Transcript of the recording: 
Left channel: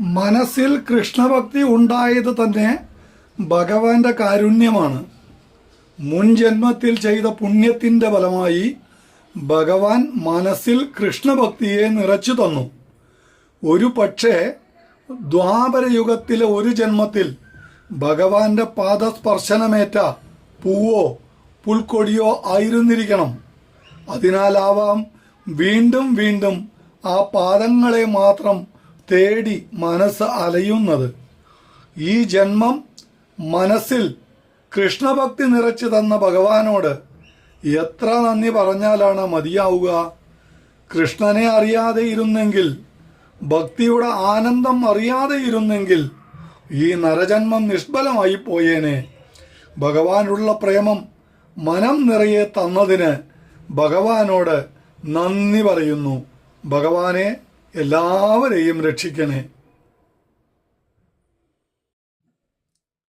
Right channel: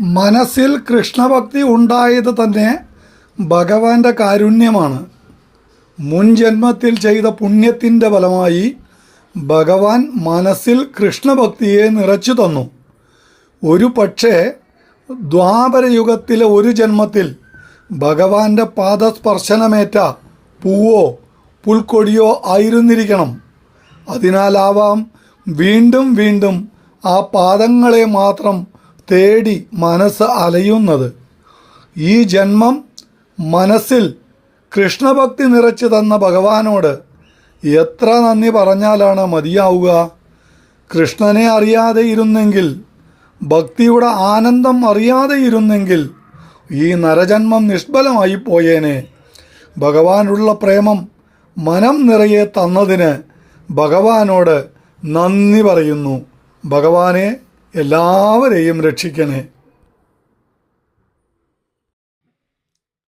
മനസ്സിൽ കൃഷ്ണഭക്തി ഉണ്ടായത് തന്നെ ഭഗവാന്റെ കാരുണ്യമാണ്. മുൻ ജന്മത്തിൽ ചെയ്ത പുണ്യത്തിൻ്റെ ഫലമായി ഭഗവാൻ മനസ്സിൽ കൃഷ്ണഭക്തിയെ നിറച്ചു തന്നു. ഒരു പക്ഷേ ദ്വാപരയുഗത്തിലെ ഒരു ജന്മത്തിൽ ഭഗവാന്റെ പാദസ്പർശനമേറ്റ പൂവോ പുൽക്കൊടിയോ ആയിരുന്നിരിക്കണം. അതിനാലാവാം വീണ്ടും വീണ്ടും ആ പാദങ്ങളെ മാത്രം തേടി മനസ്സ് അലയുന്നത്. ഈ ജന്മം മനസ്സിൽ കൃഷ്ണഭക്തി നിറച്ചു തന്ന ഭഗവാനോട് എത്ര നന്ദി പറഞ്ഞാലാണ് മതിയാവുക? കൃഷ്ണനെ അറിയാതെ ഇരുന്നെങ്കിൽ, ഭക്തിയുടെ ആനന്ദം അറിയാതെ ഇരുന്നെങ്കിൽ ഈ നരജന്മം നിഷ്ഫലമായി പോയേനെ. ഭഗവാനുള്ള പ്രേമം മനം നിറയെ തന്നതിന് ഭഗവാനോട് നന്ദി പറയുന്നു. ഭഗവാനെ എല്ലാവരെയും രക്ഷിക്കണേ.